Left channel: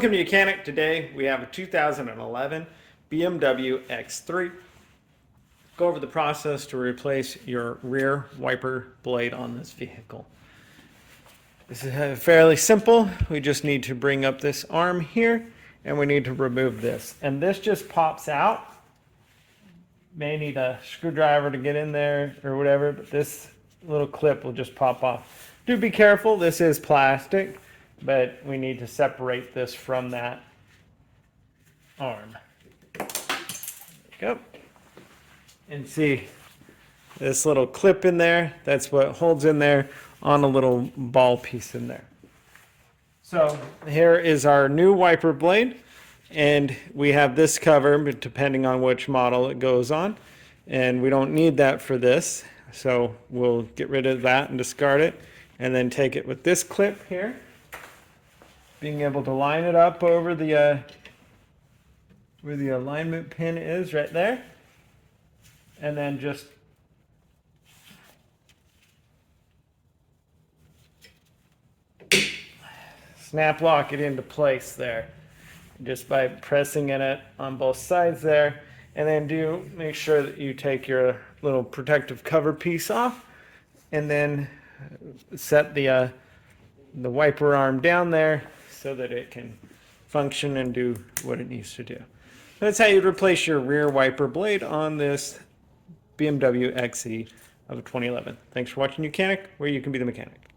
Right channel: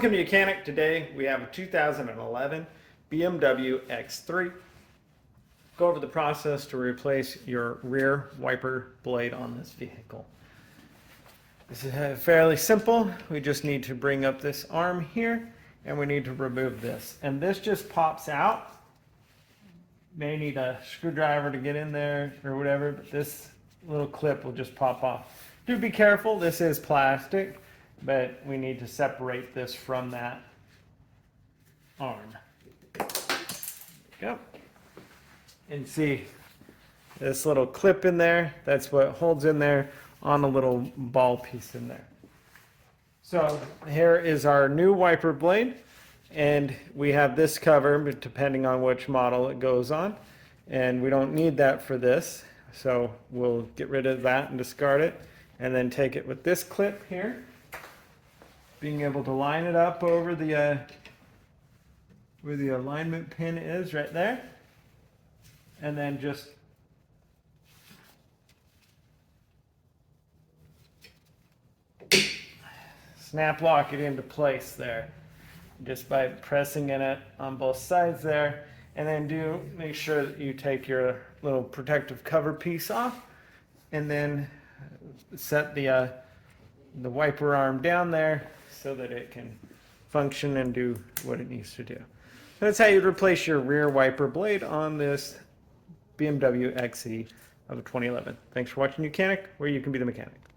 Welcome to Mechanic. Today we have a 2011 BMW X3. Go over the process to replace your rear wiper blade on this vehicle. This is fairly simple. We just need to bring up this arm here and we need to remove this. And this just pops out. May need a screwdriver to get in there or whatever, but this little clip will just pop off. Do be careful, this is plastic, but we need to separate this from that arm. Go. And see this little clip in there, that's what holds in there on a little ball piece in there. So here is our new wiper blade, and we have this cover, but depending on which model it goes on, and we don't need that for this, so we'll get rid of that and discard it, and then take it with this clip here, being able to line it up over the where the alignment pin is right there, and then just snap lock it into place there just by pressing in it on both sides there. And then do make sure that you take your little protective cover piece off, and then set the wiper arm down there so that it can function and do what it needs to do. That's how you replace your rear wiper blade on this BMW XE of 2011. Thanks for watching Mechanic, where you can be the mechanic.